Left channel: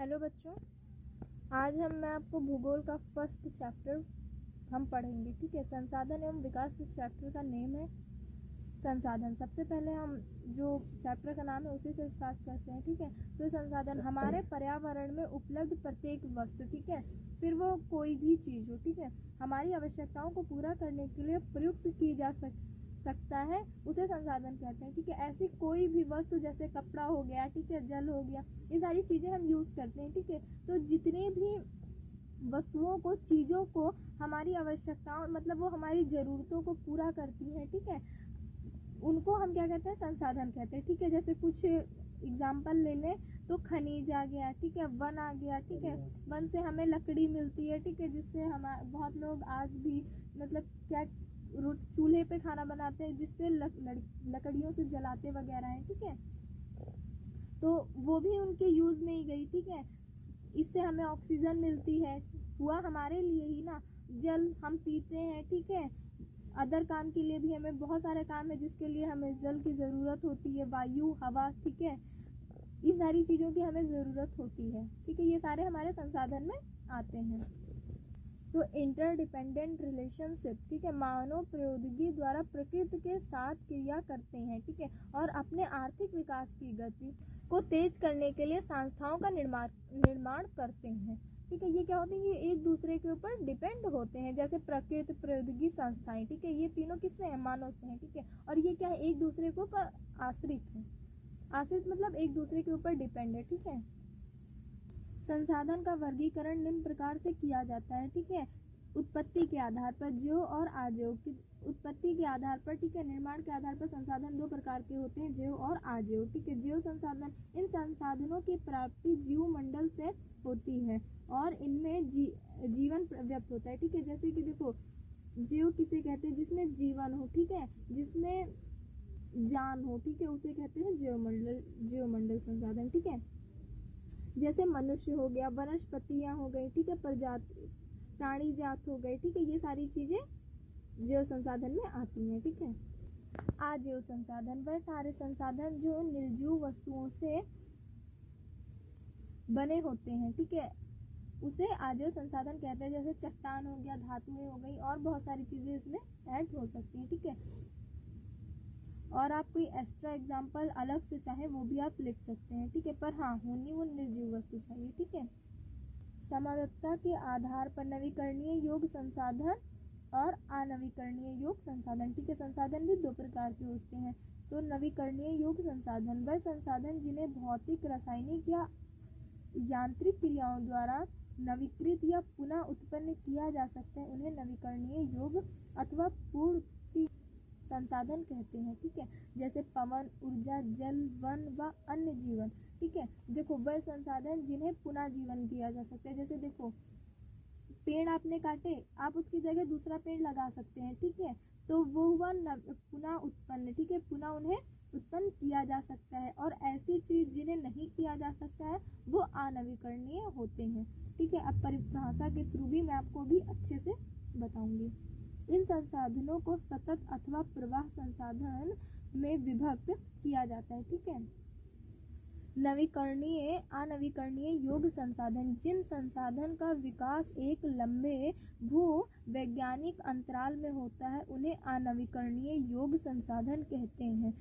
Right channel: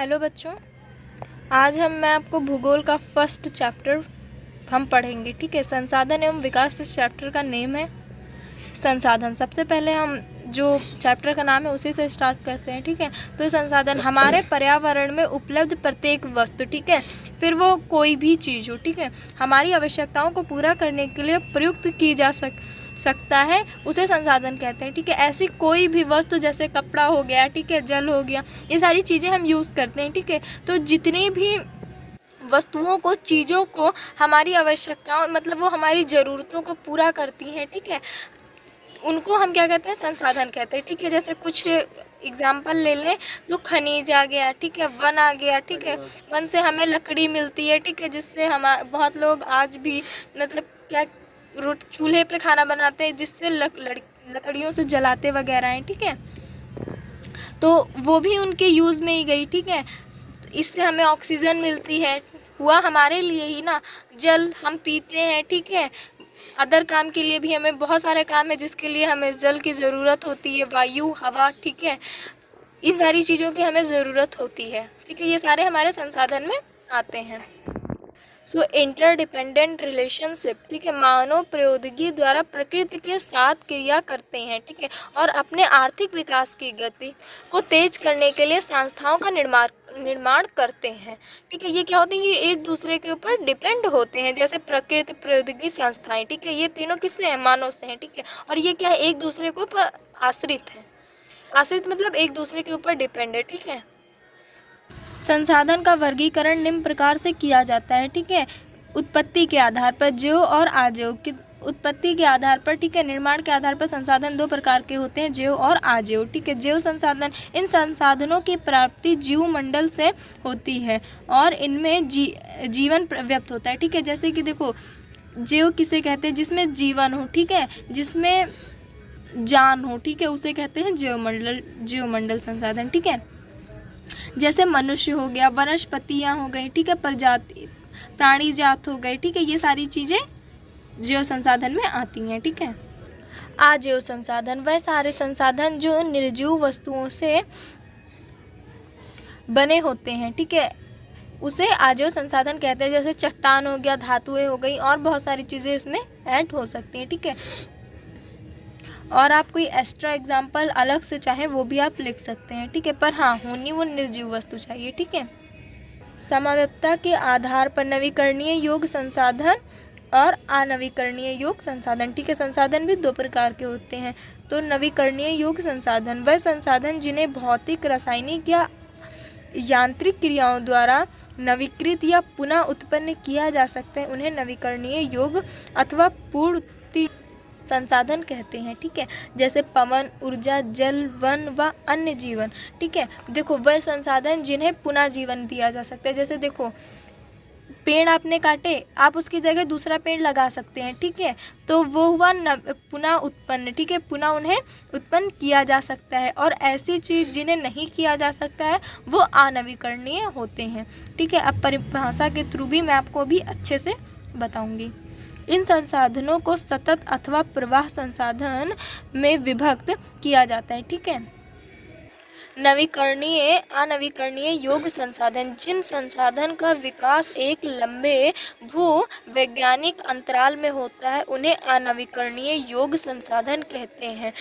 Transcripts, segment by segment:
Hello बच्चों, आज मैं आपको भूगोल का फर्स्ट चैप्टर हम पढ़ेंगे। ठीक है, संसाधन एवं विकास इस चैप्टर का नेम है। संसाधन, सबसे पहले हम जो चैप्टर का नाम है उसी से स्टार्ट करते हैं। ठीक है, तो संसाधन हमारे पर्यावरण में उपलब्ध प्रत्येक वस्तु, ठीक है, फिर वो कोई भी चीज़ हो, ठीक है, हमारी आवश्यकताओं को पूरा करने के लिए प्रयुक्त की जा सकता है, उसे संसाधन कहते हैं। ठीक है, ऐसी कोई भी वस्तु जैसे कपड़ा हो गया, ठीक है, जल हो गया, ये सारी चीज़ें हम यूज़ करते हैं। ठीक है, तो जितनी भी वस्तुओं को, चीज़ों को हमारी आवश्यकताओं मतलब वो हमारी ज़रूरतों को पूरा करती हैं, ठीक है, उनको हम क्या कहते हैं, संसाधन कहते हैं। ठीक है, जैसे कुछ एग्जाम्पल ले लें तो खनिज आ गया, ठीक है, वन आ गया, ठीक है, वन से हमें लकड़ी मिलती है, ठीक है, जिससे हम बहुत लोग आज भी मतलब क्या चूल्हे पे खाना बनाते हैं, जिससे लकड़ियों से जलाते वगैरह हैं। ठीक है, तो वो भी उनके यूज़ में ही गई। ठीक है, इससे हमें ऑक्सीजन मिलती है, हुआ हमारे लिए ही ना। जल हम पीते हैं, ठीक है, अदर काम के लिए भी हमें बहुत सारे काम है जिसके लिए हमें जल की ज़रूरत होती है, वायु, हवा, ठीक है, इन सारी चीज़ों की हमें ज़रूरत होती है। ठीक है, ये सारे हमारे संसाधन में आते हैं। सो इंटरडिपेंडेंट रिलेशनशिप, ठीक है, मानव प्रौद्योगिकी द्वारा प्रकृति के साथ क्रिया करते हैं, ठीक है, और अपने आर्थिक विकास की गति को तेज करने के लिए संस्थाओं का निर्माण करते हैं। ठीक है, ये क्या होती है, ये एक दूसरे के ऊपर डिपेंड होते हैं, जैसे प्रकृति, प्रौद्योगिकी, संस्थाएं, ठीक है, ये तीनों किससे हैं, मानव से हैं। ठीक है, और ये क्या है, एक दूसरे के ऊपर आश्रित है। आश्रित मतलब एक दूसरे के ऊपर डिपेंड है। ठीक है, संसाधन का वर्गीकरण निम्न प्रकार से किया जाता है। ठीक है, उत्पत्ति के आधार पर, जैव और अजैव की उत्पत्ति के आधार पर, ठीक है, निर्माण के आधार पर संसाधन दो प्रकार के होते हैं, जैव और अजैव। ठीक है, जैव संसाधन, इन संसाधनों की प्राप्ति जीव मंडल से होती है और इनमें जीवन व्यक्त होता है। ठीक है, जैसे कि देखो, जैव किसे कहते हैं, जिसमें जीवन हो, ठीक है, जिसमें जान हो, ठीक है, उसे कहते हैं जीव मंडल संसाधन। ठीक है, जैसे मनुष्य हो गया, वनस्पतियाँ हो गई, ठीक है, प्रजाति प्राणी जात हो गए, ठीक है, ये सारी चीज़ें जैव संसाधन में आती हैं। ठीक है, अजैव संसाधन, वह सारे संसाधन जो निर्जीव वस्तुओं से बने होते हैं, ठीक है, उसे अजैव संसाधन कहते हैं। जैसे चट्टान हो गया, धातुएं हो गई, और बहुत सारी चीज़ें इसमें ऐड हो सकती हैं। ठीक है, और आप कोई एक्स्ट्रा एग्जाम्पल अलग से चाहे वो भी आप लिख सकते हैं। ठीक है, पर हाँ, होनी वो निर्जीव वस्तु चाहिए। ठीक है, समव्यपता के आधार पर नवीकरणीय योग्य संसाधन और अनवीकरणीय योग्य संसाधन। ठीक है, संसाधन भी दो प्रकार के होते हैं। तो नवीकरणीय योग्य संसाधन, वह संसाधन जिन्हें भौतिक, रासायनिक या यांत्रिक क्रियाओं द्वारा नवीकृत या पुनः उत्पन्न किया जा सकता है, उन्हें नवीकरणीय योग्य अथवा पूर्ति संसाधन कहते हैं। ठीक है, जैसे पवन ऊर्जा, जल, वन व अन्य जीवन। ठीक है, देखो, वह संसाधन जिन्हें पुनः जीवन दिया जा सकता है। जैसे देखो, पेड़ आपने काटे, आप उसकी जगह दूसरा पेड़ लगा सकते हैं। ठीक है, तो वो हुआ पुनः उत्पन्न। ठीक है, पुनः उन्हें उत्पन्न किया जा सकता है। और ऐसी चीज़ जिन्हें नहीं किया जा सकता है वो अनवीकरणीय होते हैं। ठीक है, अब परिभाषा के थ्रू भी मैं आपको भी अच्छे से बताऊंगी। इन संसाधनों को सतत अथवा प्रवाह संसाधन में विभक्त किया जाता है। ठीक है, नवीकरणीय, अनवीकरणीय योग्य संसाधन, जिन संसाधन का विकास एक लंबे भू वैज्ञानिक अंतराल में होता है, उन्हें अनवीकरणीय योग्य संसाधन कहते हैं।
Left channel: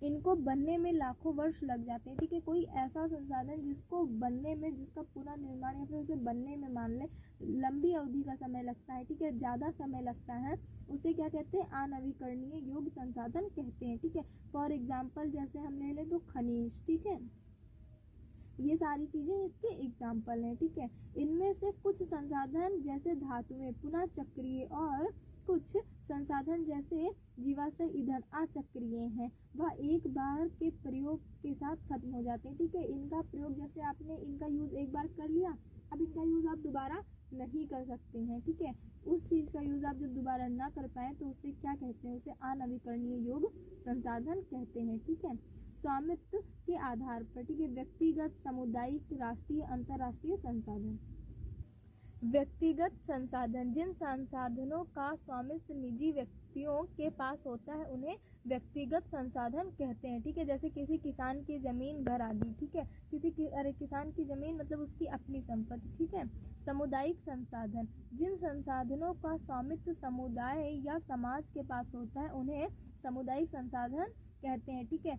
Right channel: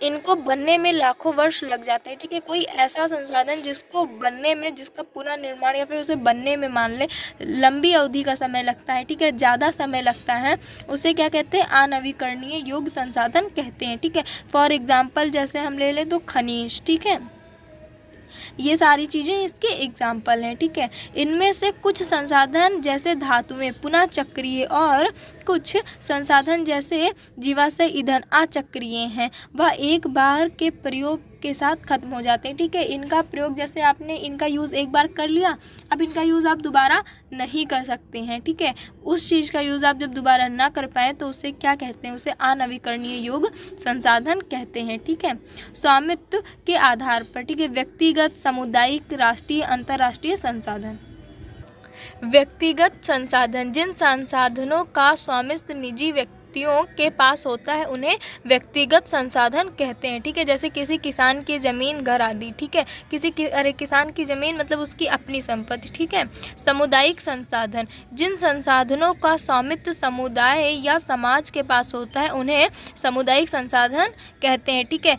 इनको बनने में लाखों वर्ष लग जाते हैं। ठीक है, कोई ऐसा संसाधन जिसको बनने में, जिसका पूरा निर्माण या फिर उसे बनने में मान ले लंबी अवधि का समय लगता है, ठीक है, ज़्यादा समय लगता है, उसे क्या कहते हैं, अनवीकरणीय योग्य संसाधन कहते हैं। ठीक है, फॉर एग्जाम्पल जैसे हम ले लें तो खनिज, ठीक है, ये सारी चीज़ें इसके एग्जाम्पल हैं। ठीक है, इनमें से कुछ संसाधन जैसे धातुएं पुनः चक्रीय और कुछ संसाधन जैसे जीवाश्म ईंधन अचक्रीय हैं, वह एक बार के प्रयोग के साथ खत्म हो जाते हैं। ठीक है, इनका प्रयोग, जैसे आपने इनका यूज़ एक बार कर लिया, अब इनका यूज़ आप दोबारा नहीं कर सकते हैं। ठीक है, उस चीज़ का यूज़ आप जब दोबारा ना कर पाए तो उसे क्या कहते हैं, उसे अनवीकरणीय योग्य संसाधन कहते हैं। ठीक है, स्वामित्व के आधार पर, ठीक है, व्यक्तिगत, सामुदायिक, राष्ट्रीय, अंतर्राष्ट्रीय संसाधन। व्यक्तिगत संसाधन, जिन संसाधनों का स्वामित्व निजी व्यक्ति व्यक्तियों के पास होता है उन्हें व्यक्तिगत संसाधन कहते हैं। ठीक है, जैसे किसी किसान की ज़मीन, घर आदि। ठीक है, किसान की ज़मीन मतलब उसकी अपनी संपत्ति। ठीक है। सामुदायिक संसाधन, जिन संसाधनों का स्वामित्व समुदाय या समाज के पास होता है उन्हें सामुदायिक संसाधन कहते हैं। ठीक है,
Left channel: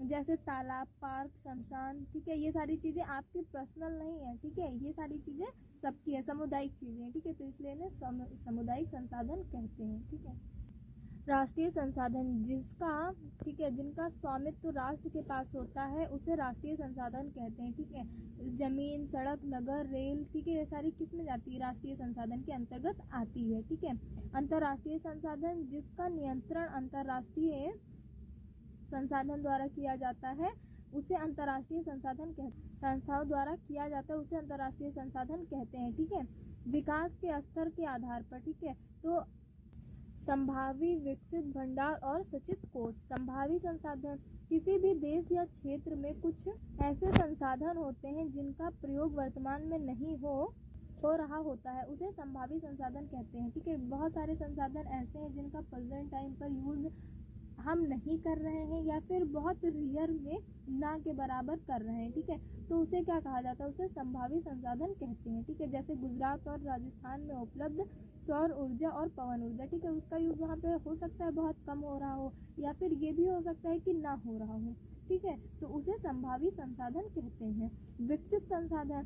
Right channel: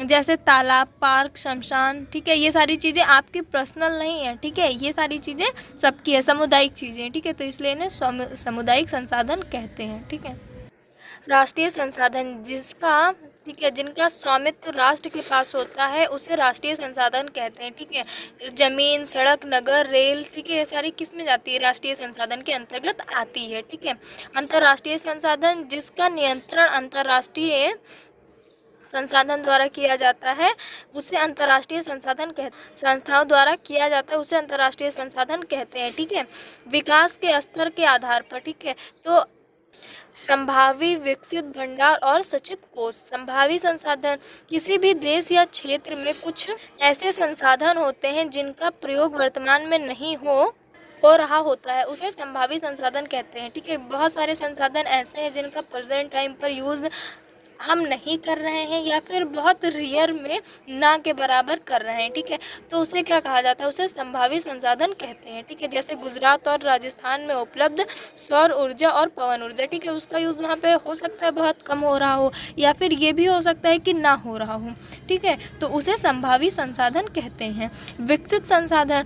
जैसे तालाब, पार्क, शमशान। ठीक है, ये सारी चीज़ें आपकी पर्सनल नहीं है। ठीक है, ये सारी चीज़ें सबकी है, सामुदायिक चीज़ें। ठीक है, तो इसलिए इन्हें सामुदायिक संसाधन कहते हैं। ठीक है। राष्ट्रीय संसाधन, जिनका स्वामित्व राष्ट्र के पास होता है उसे राष्ट्रीय संसाधन कहते हैं। ठीक है, जमीन, सड़क, नगर, रेल। ठीक है, ये सारी किस में जाती है? राष्ट्रीय संसाधन के अंतर्गत आती है। ठीक है। अंतर्राष्ट्रीय संसाधन, जिसका नियंत्रण अंतर्राष्ट्रीय संसाधन द्वारा किया जाता है उसे अंतर्राष्ट्रीय संसाधन संस्थाओं द्वारा किया जाता है उसे अंतर्राष्ट्रीय संसाधन कहते हैं। ठीक है। विकास के स्तर के आधार पर। ठीक है, तो संभावी, विकसित, भंडार और सचित कोष। संभावी संसाधन, किसी भी देश या क्षेत्र में कुछ ऐसे संसाधन होते हैं जिनका प्रयोग वर्तमान में नहीं हो रहा होता है, उसे संभावी संसाधन कहते हैं। ठीक है, बहुत सारे संसाधन ऐसे हैं जिनका प्रेजेंट टाइम पर यूज़ हम नहीं कर रहे हैं या फिर बहुत रेयर में ना के बराबर कर रहे हैं। ठीक है, तो उसे क्या कहा जाता है? उसे संभावी संसाधन कहते हैं। ठीक है, जैसे गुजरात और राजस्थान में उपलब्ध सौर ऊर्जा और पवन ऊर्जा। ठीक है, उसका यूज़ वहाँ पे हो सकता है बहुत कम हो रहा हो या फिर ये भी हो सकता है कि ना हो रहा हो। ठीक है, तो उसे संभावी संसाधन कहते हैं। विकसित संसाधन,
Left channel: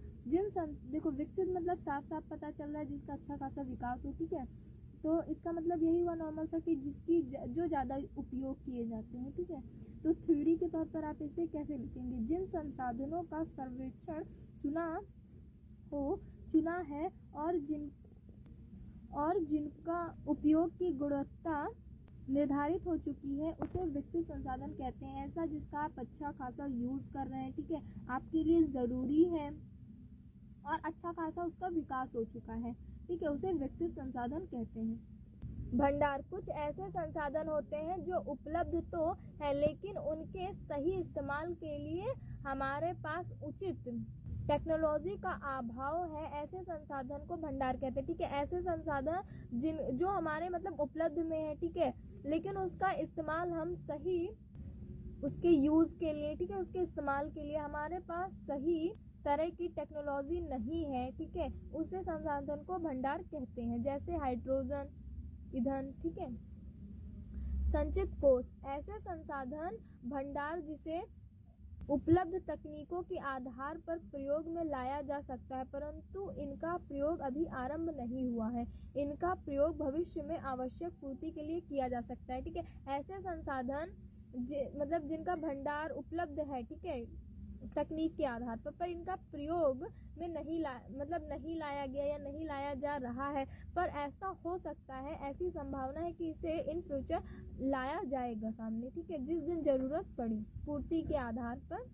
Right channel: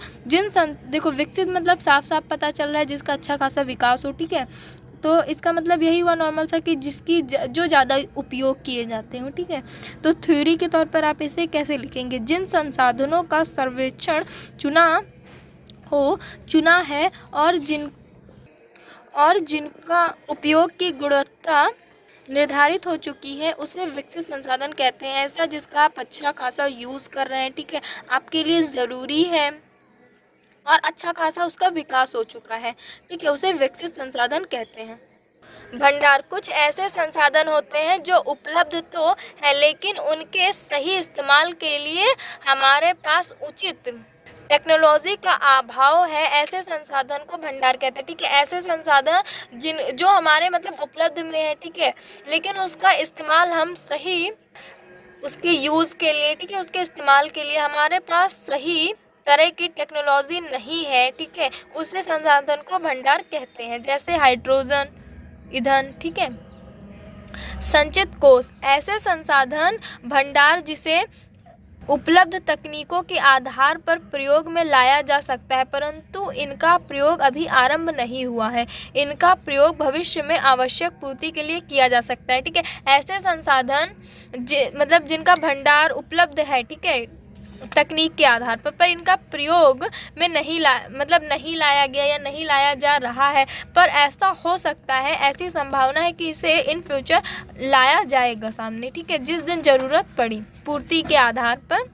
देखो विकसित मतलब साफ साफ पता चल रहा है जिसका अच्छा खासा विकास हो। ठीक है, तो इसका मतलब यही हुआ नॉर्मल सा कि जिसकी जो ज़्यादा उपयोग किए जाते हो। ठीक है, तो थ्योरी के तौर पर आप इसे कैसे लिखेंगे? जिन संसाधनों का सर्वेक्षण चुना है और जिनका उपयोग की गुणवत्ता निर्धारित हो चुकी है उसे विकसित संसाधन कहते हैं। ऐसा जिसका आप अच्छा खासा यूज़ कर रहे हैं। ठीक है, आपके लिए ज़रूरी है और अच्छा खासा उसका विकास हो चुका है। ठीक है, उसे विकसित संसाधन कहते हैं। भंडार, कुछ ऐसे संसाधन होते हैं जो उपलब्ध तो है लेकिन उनके सही इस्तेमाल के लिए हमारे पास उचित टेक्नोलॉजी का अभाव है, ऐसे संसाधन को भंडार कहते हैं। ठीक है, ऐसे संसाधन जो हमारे मतलब उपलब्ध में है। ठीक है, लेकिन उसका इस्तेमाल हम सही उसके यूज़ के लिए, ठीक है, उसके इस्तेमाल के लिए हमारे पास सही तरह की टेक्नोलॉजी नहीं है। ठीक है, उससे संसाधन को भंडार कहते हैं, जैसे हाइड्रोजन, ईंधन। ठीक है। संचित कोष, ऐसे संसाधन भंडार जिसे उपलब्ध तकनीकों के आधार पर प्रयोग में लाया जा सकता है परंतु इनका प्रयोग अभी आरंभ नहीं हुआ है। इनका प्रयोग भविष्य में आवश्यक पूर्ति के लिए किया जा सकता है। ठीक है, ऐसे संसाधन मतलब जिनका भंडार उपलब्ध है। ठीक है, तकनीक के आधार पर इनका प्रयोग में नहीं लाया गया या नहीं लाया जा रहा है, पर ऐसा हो सकता है, ऐसी संभावना है कि इसे इन फ्यूचर लाया जाएगा सामने। ठीक है, जिस दिन ज़रूरत पड़ी, पूर्ति के आधार पर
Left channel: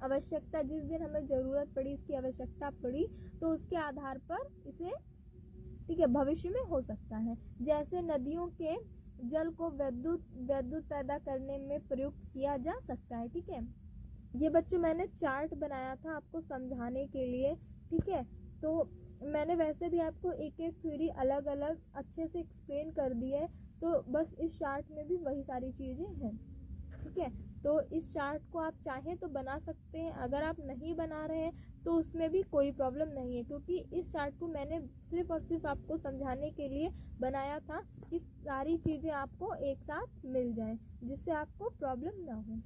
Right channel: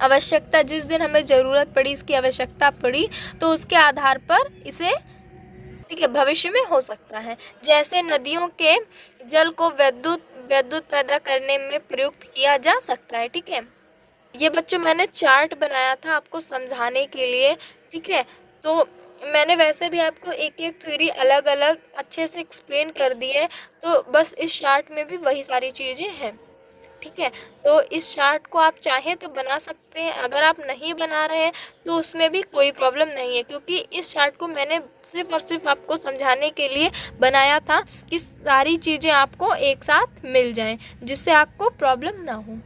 आवश्यकता, जिस दिन हमें ज़रूरत पड़ी, इसकी आवश्यकता पड़ी, तो उसके आधार पर इसे ठीक है भविष्य में हो सकता है। जैसे नदियों के जल को विद्युत पैदा करने में प्रयुक्त किया जा सकता है। ठीक है, ये बच्चों मैंने चार्ट बनाया था आपको समझाने के लिए। ठीक है, तो मैंने वैसे भी आपको एक एक थ्योरी अलग अलग अच्छे से एक्सप्लेन कर दी है, तो बस इस चार्ट में भी वही सारी चीज़ें हैं। ठीक है, तो इस चार्ट को आप चाहें तो बना सकते हैं, अगर आप नहीं बना रहे हैं तो उसमें भी कोई प्रॉब्लम नहीं है, क्योंकि इस चार्ट को मैंने सिर्फ और सिर्फ आपको समझाने के लिए बनाया था कि सारी चीज़ें आपको एक साथ मिल जाएं, जिससे आपको प्रॉब्लम ना हो।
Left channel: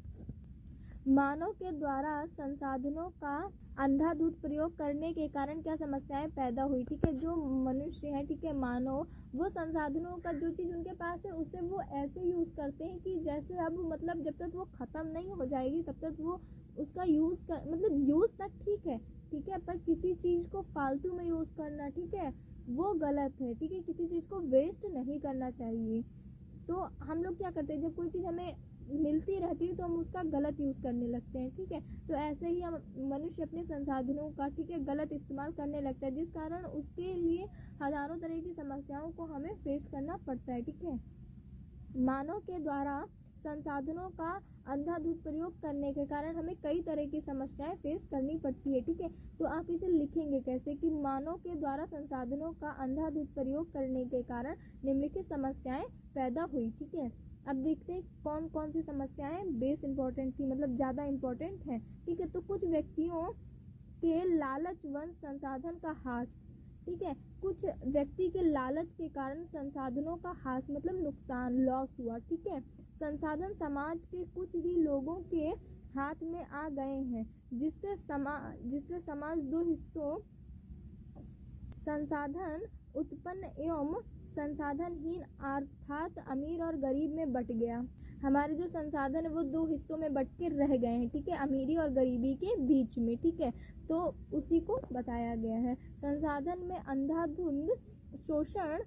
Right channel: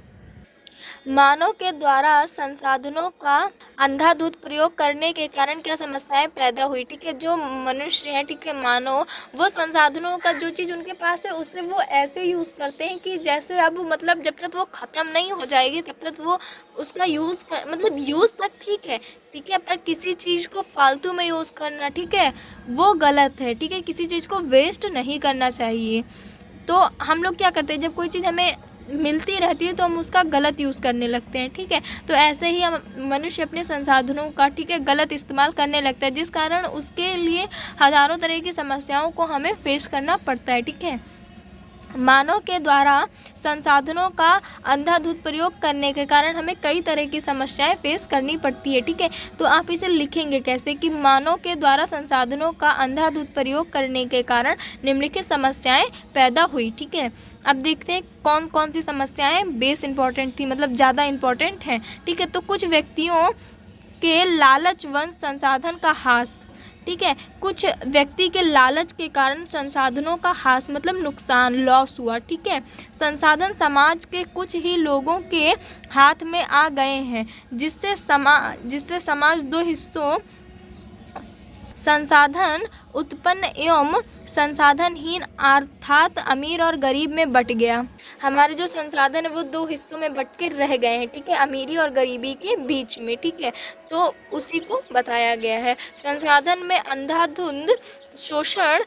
मानव के द्वारा संसाधनों का अंधाधुंध प्रयोग करने के कारण क्या समस्याएं पैदा हुई। ठीक है, जो मनुष्य है, ठीक है, मानव, वो संसाधनों का जो चीज़ उनके पास है उसे वो ऐसे यूज़ करते हैं कि जैसे अब मतलब जब तक वो ख़त्म नहीं हो जाएगी तब तक वो उसका यूज़ तक ठीक है। ठीक है, पर किसी चीज़ को फालतू में यूज़ करना, ठीक है, वो गलत है। ठीक है, किसी चीज़ को वेस्ट नहीं करना चाहिए। तो हम लोग क्या करते हैं, जब कोई चीज़ हमें मिलती रहती है तो हम उसका गलत यूज़ करने लगते हैं। ठीक है, तो ऐसे ही हम मनुष्य अपने संसाधनों का, ठीक है, गलत इस्तेमाल करने लगता है, जिस कारण उसके लिए हज़ारों तरह की समस्याओं को हमें फेस करना पड़ता है। ठीक है, मानव के द्वारा संसाधनों का अंधाधुंध प्रयोग करने के कारण हमें कई तरह की समस्याएं फेस करनी पड़ती है। ठीक है, तो आप इसे लिखेंगे कैसे कि मानव के द्वारा संसाधनों का अंधाधुंध प्रयोग करने के कारण निम्नलिखित समस्याएं पैदा हुई। ठीक है, अब देखते हैं कौन कौन सी समस्याएं बेस इंपॉर्टेंट थी, मतलब ज़्यादा इंपॉर्टेंट हैं। ठीक है, तो कुछ व्यक्तियों के लालच वंश संसाधन का ह्रास। ठीक है, कुछ व्यक्ति के लालच के कारण संसाधनों का ह्रास मतलब नुकसान, लॉस हुआ। ठीक है, संसाधन समाज के कुछ ही लोगों के हाथ में आ गए हैं, जिससे समाज दो हिस्सों संसाधन उत्पन्न एवं संसाधनहीन अर्थात अमीर और गरीब में बट गया। हमारे जो संसाधन है वो दो हिस्सों में बट के रह गए हैं। ठीक है, अमीरी और गरीबी के बीच में। ठीक है, तो उसी को बताया गया है। संसाधन में अंधाधुंध शोषण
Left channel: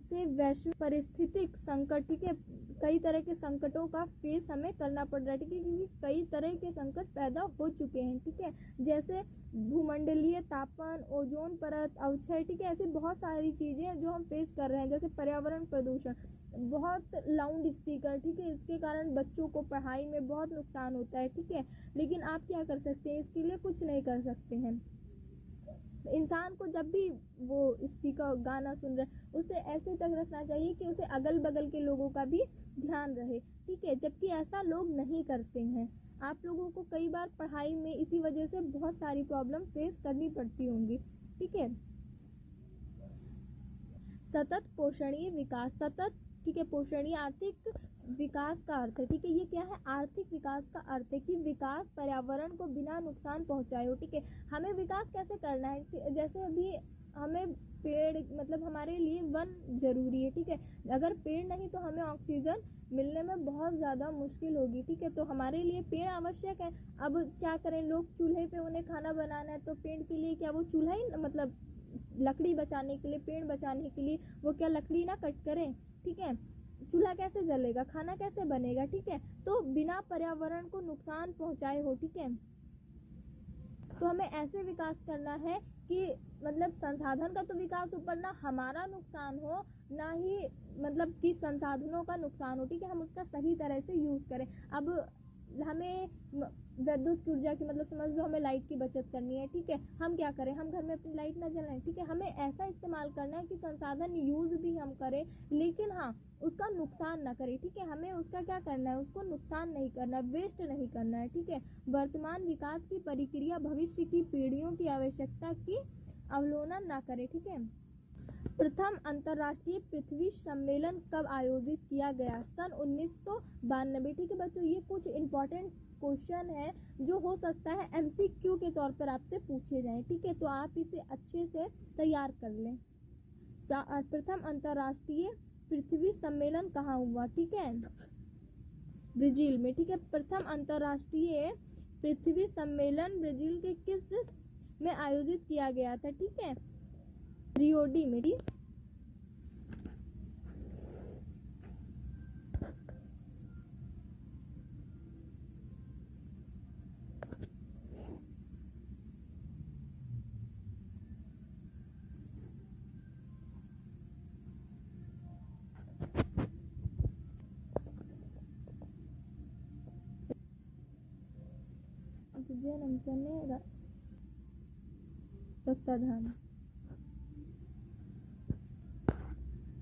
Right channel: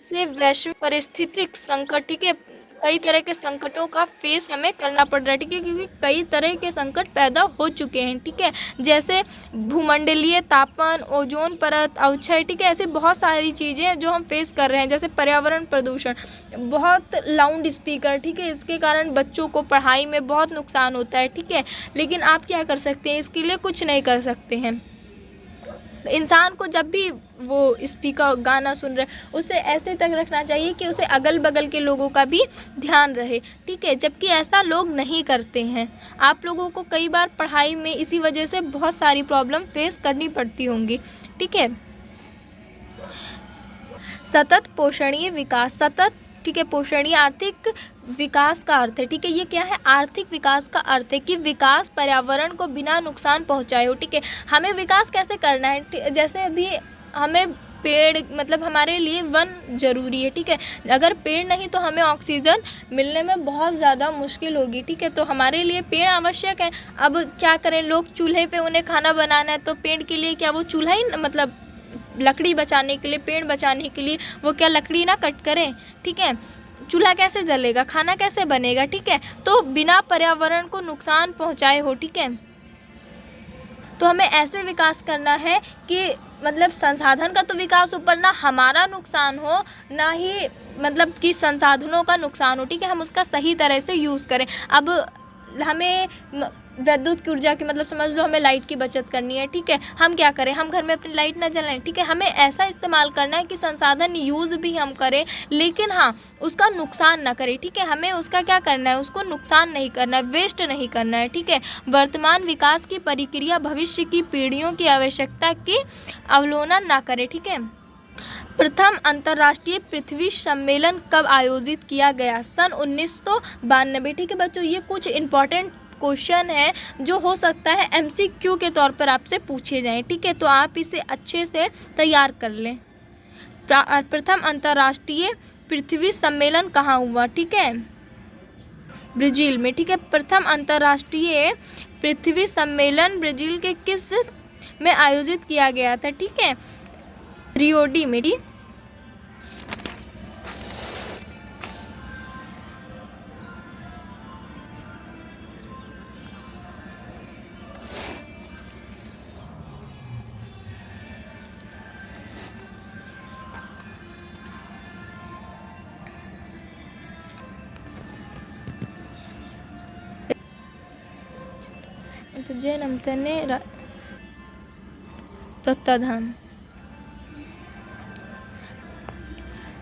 से वैश्विक पारिस्थितिक संकट, ठीक है, कई तरह के संकटों का फेस हमें करना पड़ रहा है। ठीक है, क्योंकि कई तरह के संकट पैदा हो चुके हैं। ठीक है, जैसे भूमंडलीय तापन, ओजोन परत अवक्षय। ठीक है, ऐसे बहुत सारी चीज़ें हैं जो हम फेस कर रहे हैं, जैसे पर्यावरण प्रदूषण, बहुत लाउड स्पीकर। ठीक है, इसके कारण बच्चों को पढ़ाई में बहुत नुकसान होता है। ठीक है, लेकिन आप क्या कर सकते हैं, इसके लिए कुछ नहीं कर सकते हैं। इंसान को जब भी वो स्पीकर गाना सुन रहे उसे ऐसे तक रखना चाहिए कि उसे अगल बगल के लोगों का भी ध्यान रहे। ठीक है, जबकि ऐसा लोग नहीं करते हैं। आप लोगों को कई बार पढ़ाई में इसी वजह से बहुत सारी प्रॉब्लम फेस करनी पड़ती होंगी। ठीक है, सतत पोषणीय विकास, सतत, ठीक है, पोषणीय आर्थिक विकास का अर्थ है। ठीक है, ये क्या है, आर्थिक विकास का अर्थ है कि विकास पर्यावरण को बिना नुकसान पहुंचाए हो। ठीक है, हमें विकास कैसे करना है, जैसे अभी हमें पेड़, मतलब हमारे लिए वन ज़रूरी है। ठीक है, अगर पेड़ नहीं तो हमें ऑक्सीजन मिलने में बहुत ज़्यादा मुश्किल होगी। ठीक है, तो हमारे लिए पेड़ आवश्यक है। अब क्या करें, लोग चूल्हे पे उन्हें खाना बनाना है तो पेड़ के लिए क्या वो चूल्हा ही, मतलब लकड़ी बचाने के लिए, पेड़ बचाने के लिए वो क्या लकड़ी ना कट करें। ठीक है, चूल्हा कैसे जलेगा, खाना कैसे बनेगा। ठीक है, तो बिना पर्यावरण को नुकसान पहुंचाए हो। ठीक है, तो हमें ऐसे विकास करना है कि मतलब संसाधन का तो विकास ऊपर, ना हमारा नुकसान हो ना ही मतलब कि संसाधनों का नुकसान हो। ठीक है, हम उसका सही तरह से यूज़ करें। अब हमें विद्युत की ऊर्जा की, मतलब समझ लो हमें लाइट की बचत करनी है। ठीक है, हम क्या करें, हम घर में अपनी लाइट ना जलाएं। ठीक है, हमें ऐसा इस्तेमाल करना है कि संसाधन यूज़ भी हम करें, लेकिन हाँ उसका नुकसान ना करें। ठीक है, हमें उसका क्या करना है, उसको नुकसान नहीं करना है, वेस्ट नहीं करना है। ठीक है, वर्तमान विकास की प्रक्रिया भविष्य की पीढ़ियों की आवश्यकता की अवलोकन ना करे। ठीक है, प्रथम अंतर्राष्ट्रीय पृथ्वी सम्मेलन कब आयोजित किया गया, सन 1992। ठीक है बच्चों, ये कुछ इम्पॉर्टेंट क्वेश्चन है जो हो सकता है MCQ के तौर पर आपसे पूछे जाएं। ठीक है, तो आप इसे अच्छे से तैयार कर लें। प्रथम अंतर्राष्ट्रीय पृथ्वी सम्मेलन कहाँ हुआ, ठीक है, ब्राज़ील में। ठीक है, प्रथम अंतर्राष्ट्रीय पृथ्वी सम्मेलन ब्राज़ील के किस में आयोजित किया गया था, ठीक है, रियो डी में। जैन अमतने तत्ताधाम।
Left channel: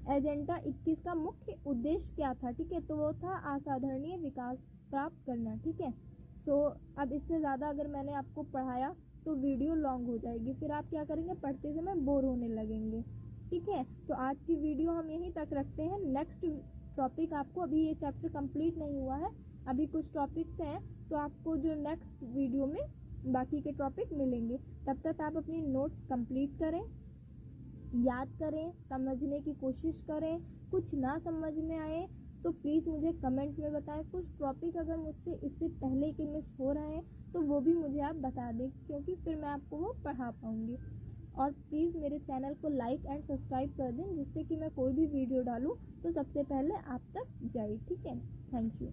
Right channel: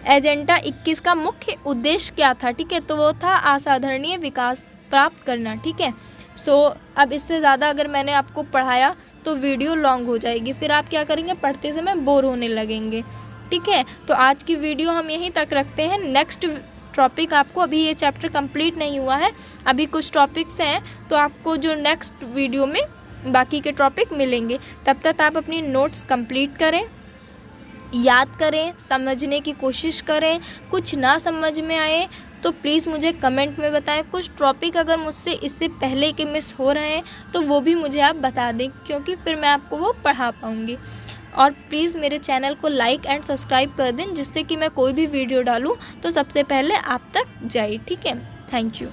एजेंडा 21 का मुख्य उद्देश्य क्या था, ठीक है, तो वो था असाधारणीय विकास प्राप्त करना। ठीक है, सो अब इससे ज़्यादा अगर मैंने आपको पढ़ाया तो वीडियो लॉन्ग हो जाएगी, फिर आप क्या करेंगे, पढ़ते समय बोर होने लगेंगे। ठीक है, तो आज की वीडियो हम यहीं तक रखते हैं। नेक्स्ट टॉपिक आपको, अभी ये चैप्टर कंप्लीट नहीं हुआ है, अभी कुछ टॉपिक्स हैं, तो आपको जो नेक्स्ट वीडियो में बाकी के टॉपिक मिलेंगे। तब तक आप अपनी नोट्स कंप्लीट करें, याद करें, समझने की कोशिश करें। कुछ ना समझ में आए तो प्लीज़ मुझे कमेंट में बताएं। कुछ टॉपिक अगर मुझसे इससे पहले के मिस हो रहे हैं तो वो भी मुझे आप बता दें, क्योंकि फिर मैं आपको वो पढ़ा पाऊँगी। और प्लीज़ मेरे चैनल को लाइक एंड सब्सक्राइब कर दें, जिससे कि मैं कोई भी वीडियो डालूँ तो सबसे पहले आप तक जाए। ठीक है, थैंक यू।